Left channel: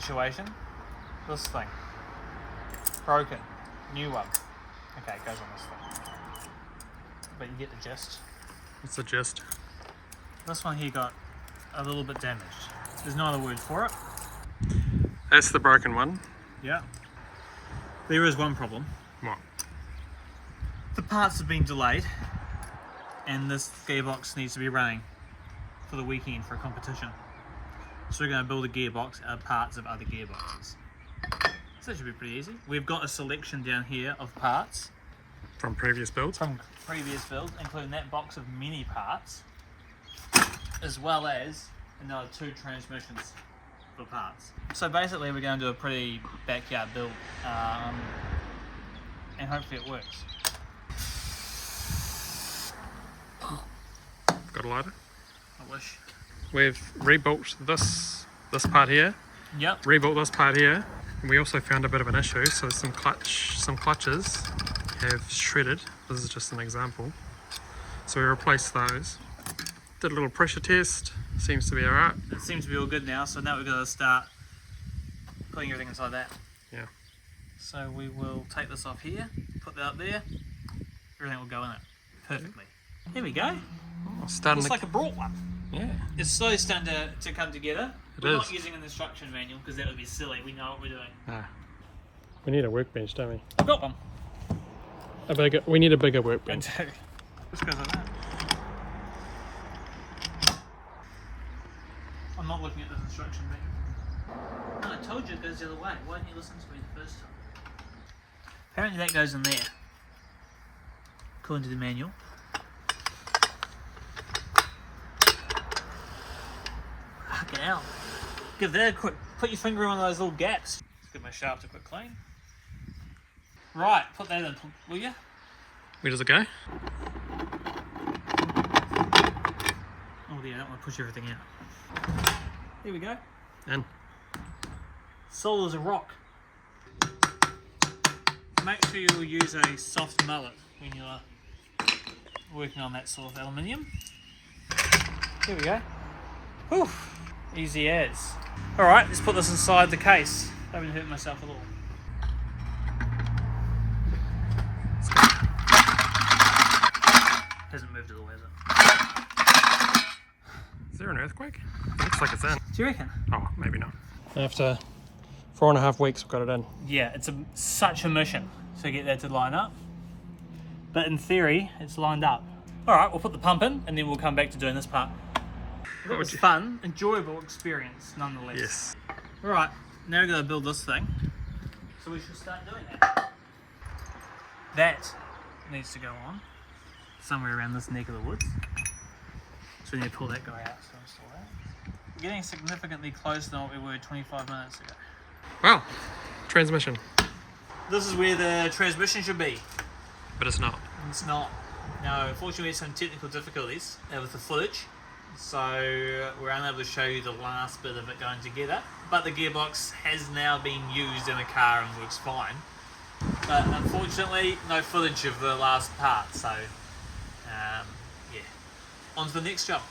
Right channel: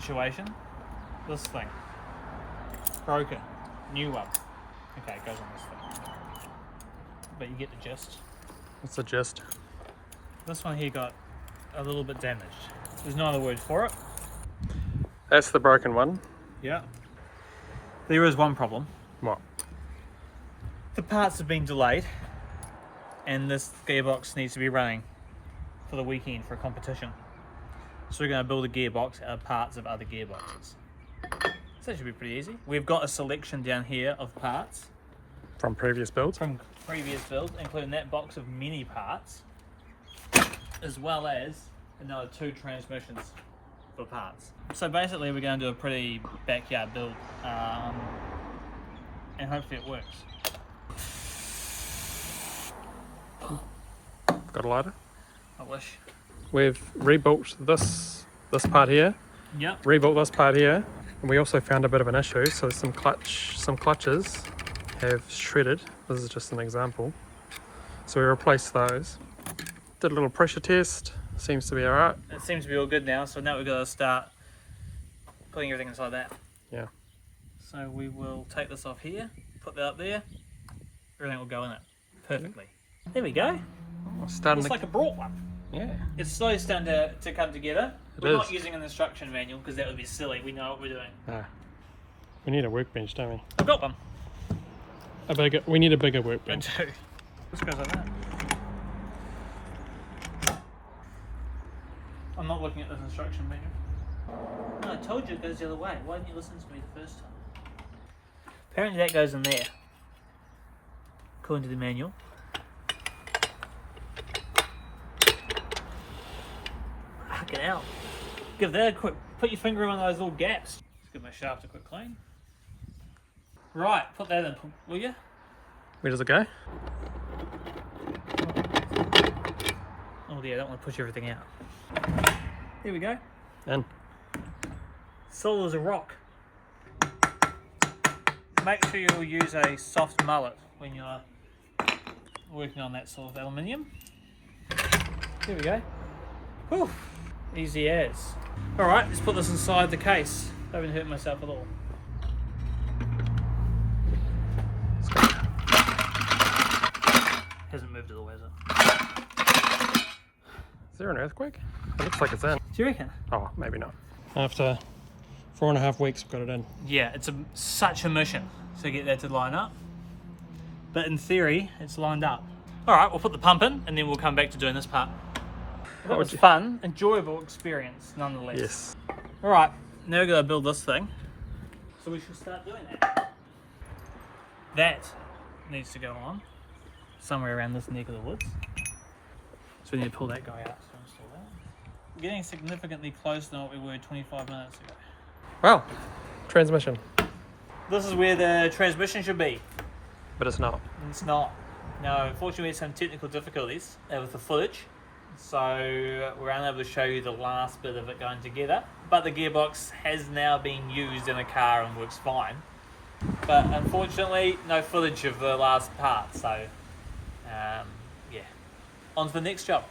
situation. This thing. Broken. New one. Okay, it goes on this thing. But you get the gist. What's the gist? This one here got a little bit damaged. There's no other word for it. That's the broken one. Yeah. There is one problem. What? The parts have been delayed and this gearbox needs to be running for the weekend for a competition. So we're going to build a gearbox out of parts of other gearboxes. So that should be pretty easy. We've got a selection down here of parts. From previous builds? From previous builds, including that box of mini parts, as well as another 2 transmissions for parts. So basically we're going to do a pretty backyard build and hopefully it works. Got a lighter? I wish. We've rebuilt this part here. Yep. Rebuilt this part here, and we also found a bit of an issue. So some clutches have shredded. This is just an example. So we replaced those. Did a little pressure test. Seems to be alright. It seems to be all good now. So now we've got to start putting everything inside that. Yeah. So we will take this off here, put that up there. Everything will go in it perfectly. There we go. It's like a brought one. Yeah. It's slowly starting to come together. It We're is. not using an instruction manual because that would be silly. We know what we're doing. Ah. We need a workbench, don't we? I've got one. We need a bigger I workbench. do. This goes like that. I'm not looking at this instruction manual. No, I told you it goes the other way. Why didn't you listen to me the first time? Apparently that goes in there. According to the manual. Fucking hell. Give that a quick, put your finger in one of those little gaps. Let's give my shaft a quick clean. Right, put that in, will you? Where does it go? Oh dear, I don't want to push everything out. Here we go. In. Solid as a rock. Make sure you use a soft mullet when you're working on that sort of aluminium. Here we go. Whew. Easy as. Alright, let's put this inside the case. I haven't hurt myself at all. Hasn't moved at all, has it? Is there an earthquake? It looks like it's in. Do you reckon? Oh, maybe not. After 4.5 weeks, we've got it in. Yeah, it's such a mission to get that to line up. But in theory, it's lined up. Alright, we'll put the pump in and then we'll come back to doing this part. That was fun, enjoyable experience nonetheless. Yes. Alright, now we're going to build this thing. So we should start doing that. That needs to go on somewhere around this neck of the woods. So we need to pull that guy out. So install that. We're getting significantly closer than what we were 25 minutes ago. Wow. Transmission. This is where the transmission should be. But it's not. It's not. No, unfortunately we had some technical difficulties with the footage. So we're unable to show you the last bit of it going together. But the gearbox has now been used in a car and works fine. But unfortunately, no footage of the last part. So, yeah. On to the next job.